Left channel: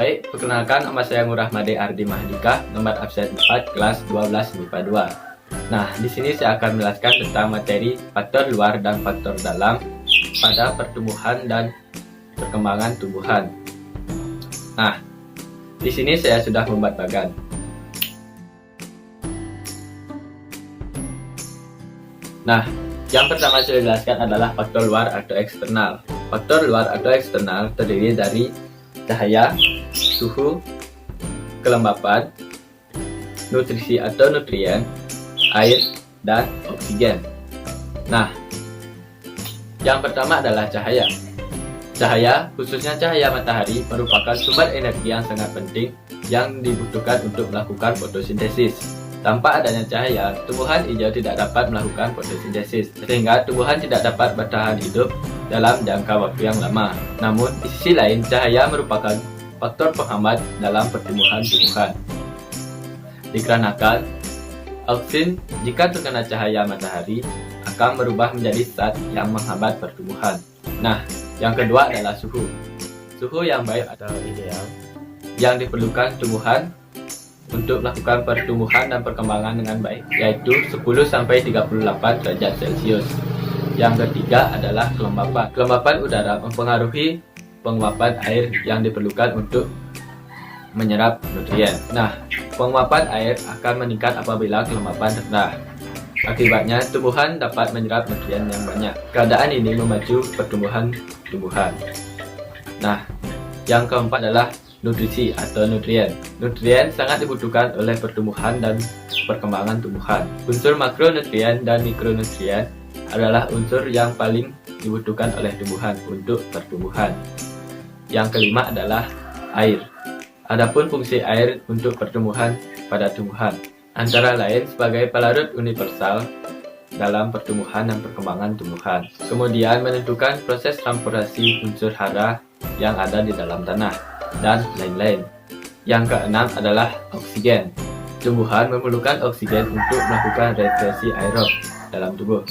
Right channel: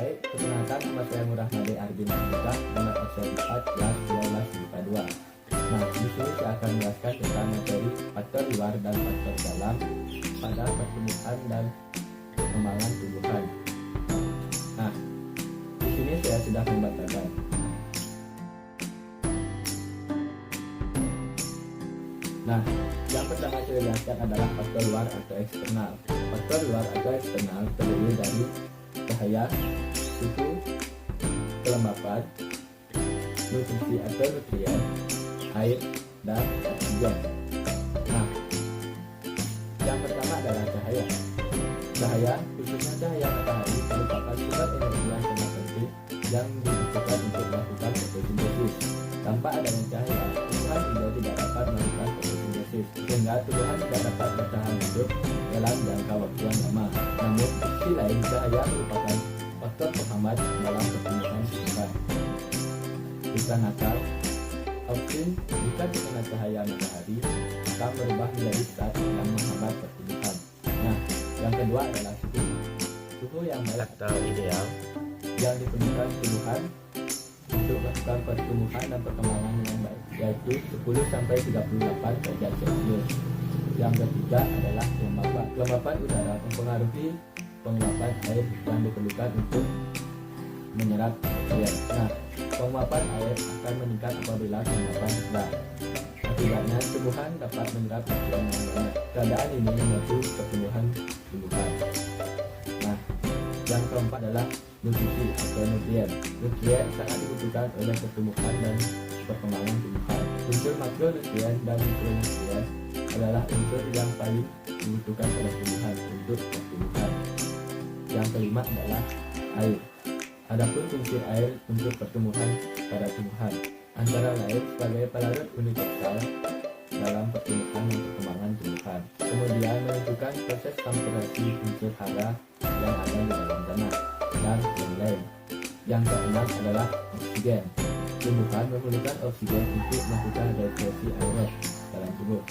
Baik, perkenalkan nama saya Ngurah Made Ardi Mahadika, nomor absen 4, kelas 12 MIPA 2. Nah, di sini saya akan menjelaskan tentang materi faktor luar dan faktor dalam pada pertumbuhan dan perkembangan tumbuhan. Nah, di sini saya sudah membuat bagan. Nah, yang pertama saya jelaskan adalah faktor luar atau eksternal. Faktor luar atau eksternal terdiri dari cahaya, suhu, kelembapan, nutrisi atau nutrien, air, dan oksigen. Nah, yang pertama adalah cahaya. Cahaya, khususnya cahaya matahari, merupakan sumber energi yang sangat penting yang dibutuhkan untuk melakukan fotosintesis. Tanpa adanya cahaya, tumbuhan hijau tidak dapat melakukan fotosintesis, sehingga tumbuhan tidak dapat bertahan hidup dalam jangka waktu yang lama. Namun, di sisi lain, cahaya merupakan faktor penghambat dalam pertumbuhan tumbuhan. Dikarenakan, auksin jika terkena cahaya matahari akan berubah menjadi zat yang menghambat pertumbuhan. Nah, yang kedua adalah suhu. Suhu yang baik atau ideal yang diperlukan tumbuhan untuk melakukan pertumbuhan dan perkembangan dengan baik, yaitu 10-38 derajat Celcius. Yang ketiga adalah kelembapan. Kelembapan udara mempengaruhi penguapan air yang diperlukan untuk menyerap nutrien. Nah, penguapan air akan meningkat apabila kelembapan rendah. Akibatnya, tumbuhan dapat menyerap nutrien yang banyak. Keadaan ini memacu pertumbuhan tumbuhan. Nah, yang keempat adalah nutrisi atau nutrien. Nutrien sangat dibutuhkan oleh pertumbuhan dan perkembangan tumbuhan. Unsur makronutrien dan mikronutrien adalah unsur yang paling dibutuhkan oleh tumbuhan untuk pertumbuhan. Yang kelima adalah air. Adapun fungsi air untuk pertumbuhan pada tumbuhan antara lain sebagai pelarut universal dalam pertumbuhan dan perkembangan tumbuhan. Kemudian menentukan proses transportasi unsur hara yang ada di dalam tanah, dan lain-lain. Yang keenam adalah oksigen. Tumbuhan memerlukan oksigen untuk melakukan respirasi aerob dalam tubuh,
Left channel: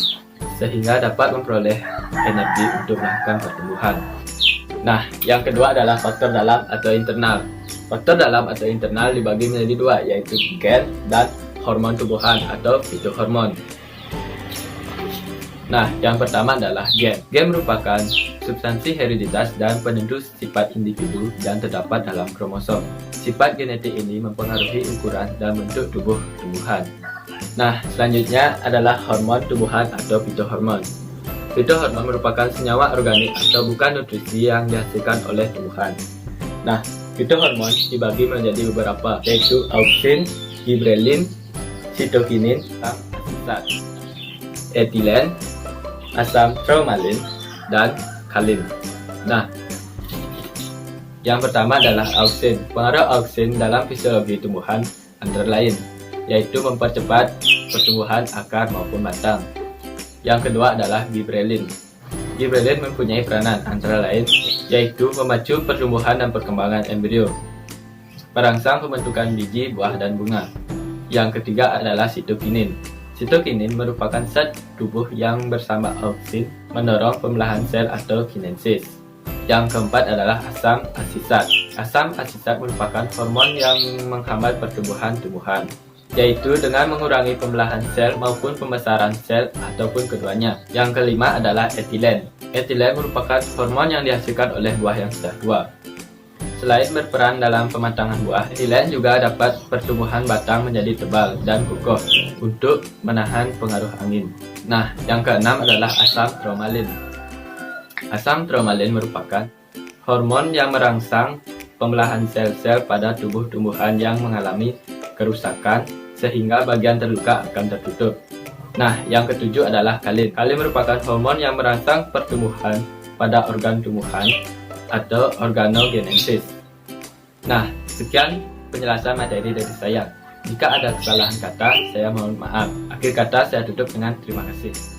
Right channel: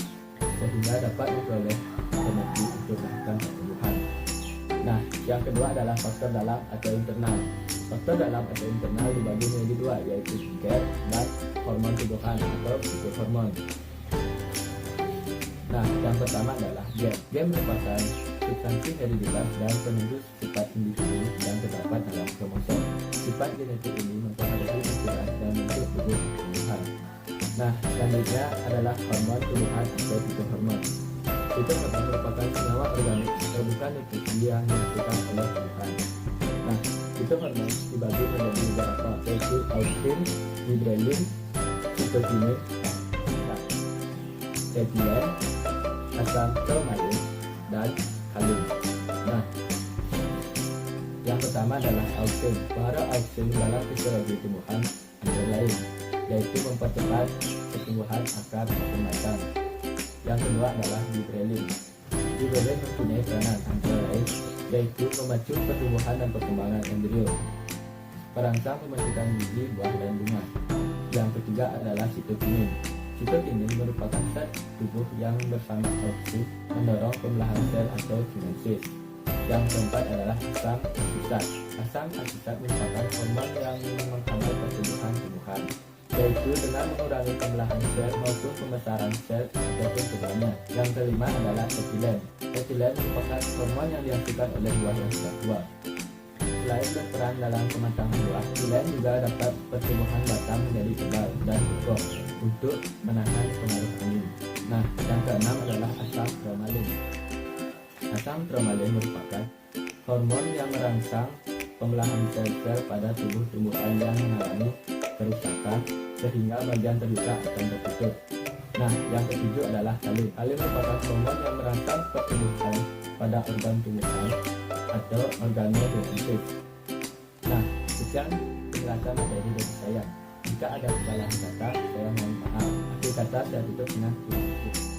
sehingga dapat memperoleh energi untuk melakukan pertumbuhan. Nah, yang kedua adalah faktor dalam atau internal. Faktor dalam atau internal dibagi menjadi dua, yaitu gen dan hormon tumbuhan atau fitohormon. Nah, yang pertama adalah gen. Gen merupakan substansi hereditas dan penentu sifat individu yang terdapat dalam kromosom. Sifat genetik ini mempengaruhi ukuran dan bentuk tubuh tumbuhan. Nah, selanjutnya adalah hormon tumbuhan atau fitohormon. Fitohormon merupakan senyawa organik atau bukan nutrisi yang dihasilkan oleh tumbuhan. Nah, fitohormon dibagi menjadi beberapa, yaitu auksin, gibrelin, sitokinin, etilen, asam tromalin, dan kalin. Nah, yang pertama adalah auksin. Pengaruh auksin dalam fisiologi tumbuhan antara lain, yaitu mempercepat pertumbuhan akar maupun batang. Yang kedua adalah gibrelin. Gibrelin mempunyai peranan antara lain, yaitu memacu pertumbuhan dan perkembangan embrio, merangsang pembentukan biji, buah, dan bunga. Yang ketiga adalah sitokinin. Sitokinin merupakan zat tubuh yang bersama auksin mendorong pembelahan sel atau kinesis. Yang keempat adalah asam asisat. Asam asisat merupakan hormon yang menghambat pertumbuhan tumbuhan, yaitu dengan mengurangi pembelahan sel maupun pembesaran sel ataupun keduanya. Yang kelima adalah etilen. Etilen merupakan hormon yang dihasilkan oleh buah yang sudah tua. Selain berperan dalam pematangan buah, etilen juga dapat pertumbuhan batang menjadi tebal dan kokoh untuk menahan pengaruh angin. Nah, yang keenam adalah asam tromalin. Asam tromalin merupakan hormon yang merangsang pembelahan sel-sel pada tubuh tumbuhan yang mengalami kerusakan sehingga bagian terluka akan tertutup. Nah, yang ketujuh adalah kalin. Kalin merupakan hormon yang merangsang pertumbuhan pada organ tumbuhan atau organogenesis. Nah, sekian penjelasan materi dari saya. Jika ada kesalahan kata, saya mohon maaf. Akhir kata saya tutup dengan terima kasih.